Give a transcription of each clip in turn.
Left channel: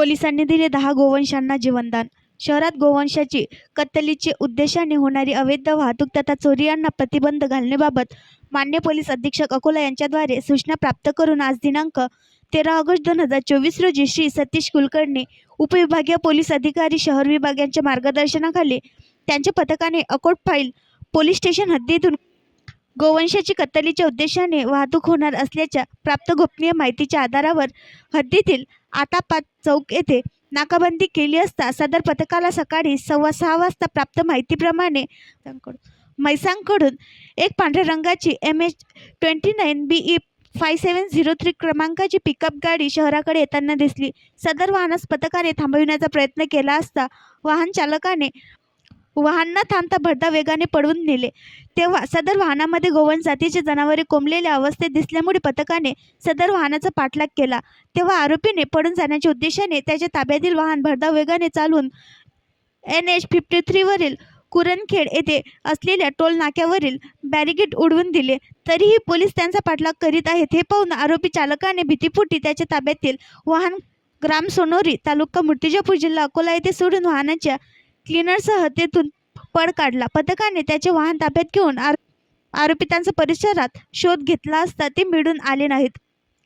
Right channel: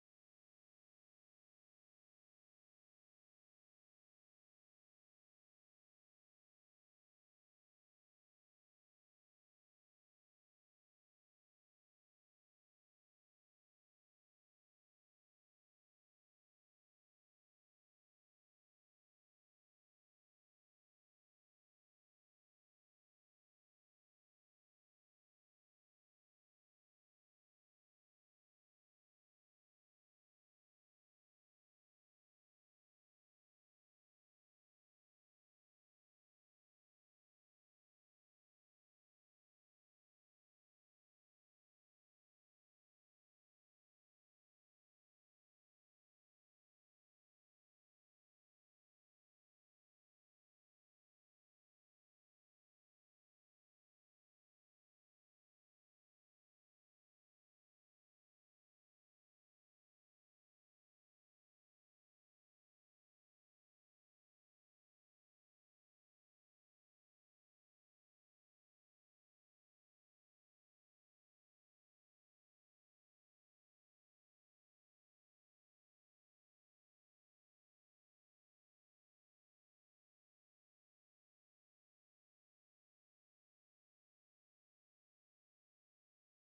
पोलिसांनी दिले 10 गोवंशांना जीवनदान. शहरात गोवंशाची कत्तलीच्या उद्देशाने होणारी अवैध वाहतूक तथा चोरी यांना प्रतिबंध घालण्याबाबत मान्य पोलीस अधीक्षक अकोला यांच्याद्वारे सूचना प्राप्त करून आज दिनांक 13 ऑगस्ट 2024 रोजी श्री सतीश कुलकर्णी उपविभागीय पोलीस अधिकारी शहर विभाग यांच्या मार्गदर्शनाखाली त्यांच्या पथकाने अकोटफाईल पोलीस स्टेशन हद्दीतून गोवंशाची कत्तलीच्या उद्देशाने वाहतूक होणार असल्याच्या प्राप्त गोपनीय माहितीच्या आधारावर हद्दीतील आतापात चौक येथे नाकाबंदी केली असता सदर पथकाला सकाळी 6:15 वाजता प्राप्त माहितीप्रमाणे म्हैसांकडून एक पांढऱ्या रंगाची MH29 BE 5703 क्रमांकाची पिकअप गाडी शहराकडे येताना दिसली. सदर वाहनास पथकाने थांबविण्याचा प्रयत्न केला असता वाहन चालकाने वाहन न थांबता भरधाव वेगाने पळवून नेले. तेव्हा सदर वाहनामध्ये गोवंश जातीचे जनावरे कोंबलेल्या अवस्थेत दिसल्यामुळे पथकाने सदर वाहनाचा पाठलाग केला. तेव्हा आरोपीने पळून जाण्याच्या उद्देशाने त्याच्या ताब्यातील वाहन भरधाव वेगाने चालवून NH 53 वरील कुरणखेड येथे असलेल्या टोल नाक्यावरील बॅरिकेड उडवून दिले. तरीही पोलीस त्यांचा पाठलाग करीत आहेत. हे पाहून आरोपी चालकाने भीतीपोटी त्याच्या ताब्यातील वाहन ग्राम सोनोरी तालुका मूर्तिजापूर जिल्हा अकोला येथे सोडून वाहनाच्या क्लिनरसह तेथून पळ काढला. पथकाने त्याचे वाहन ताब्यात घेऊन आरोपितांचा परिसरात शोध घेतला असता ते मिळून आले नाहीत.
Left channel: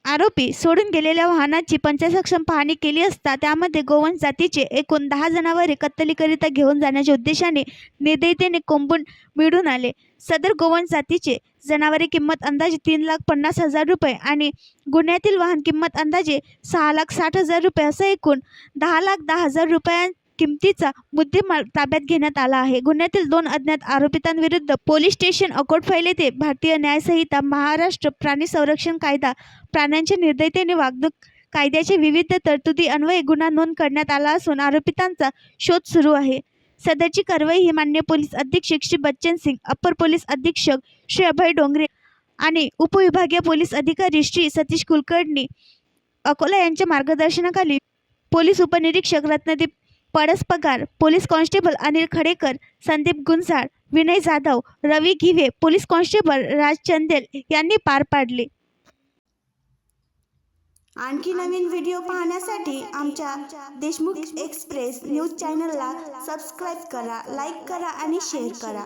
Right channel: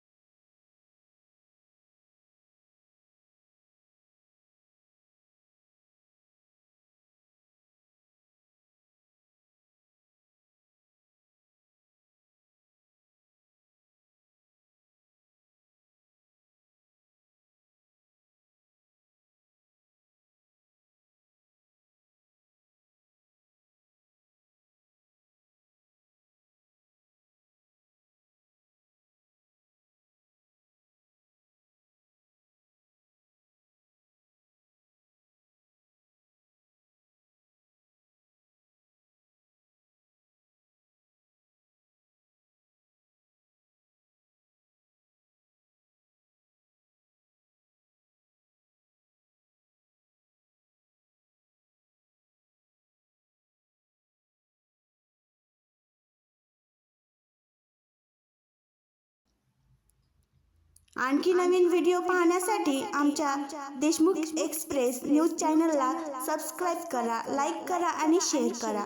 आरोपी सोडून गेलेल्या वाहनाची पंचसक्षम पाहणी केली असता त्यामध्ये गोवंश जातीचे एकूण 10 जनावरे कत्तलीकरिता घेऊन जाण्याच्या उद्देशाने निर्दयतेने कोंबून मिळून आले. सदर गोवंश जातीचे जनावरे किंमत अंदाजे 3,50,000 रुपये आणि गुन्ह्यातील वाहन किंमत अंदाजे 6,60,000 रुपये असं एकूण 10,10,000 रुपयां किमतीचा मुद्देमाल ताब्यात घेण्यात आला आहे. गुन्ह्यातील 2 अज्ञात आरोपितांविरुद्ध पोलीस स्टेशन अकोटफाईल येथे भारतीय न्याय संहिता, महाराष्ट्र प्राणी संरक्षण कायदा, प्राण्यांच्या निर्दयतेने वागणूक कायद्याच्या विविध तरतुदी अन्वये गुन्हा नोंद करण्यात आला असून आरोपितांचा शोध सुरू आहे. सदरची कारवाई ही मान्य पोलीस अधीक्षक श्री बच्चन सिंग, अप्पर पोलीस अधीक्षक श्री अभय डोंगरे आणि उपविभागीय पोलीस अधिकारी श्री सतीश कुलकर्णी अकोला यांच्या मार्गदर्शनाखाली पोलीस उपनिरीक्षक रत्नदीप पळसपगार, पोलीस कॉन्स्टेबल अनिल खडेकर, संदीप गुंजाळ, विनय जाधव, रवी घिवे, पोलीस कॉन्स्टेबल राज चंदेल यांनी पार पाडले. आणखी नवीन व्हिडिओ पाहण्यासाठी आमच्या देशमुख एक्सप्रेस न्यूज चॅनलला सबस्क्राईब करा, लाईक करा आणि शेअर करा.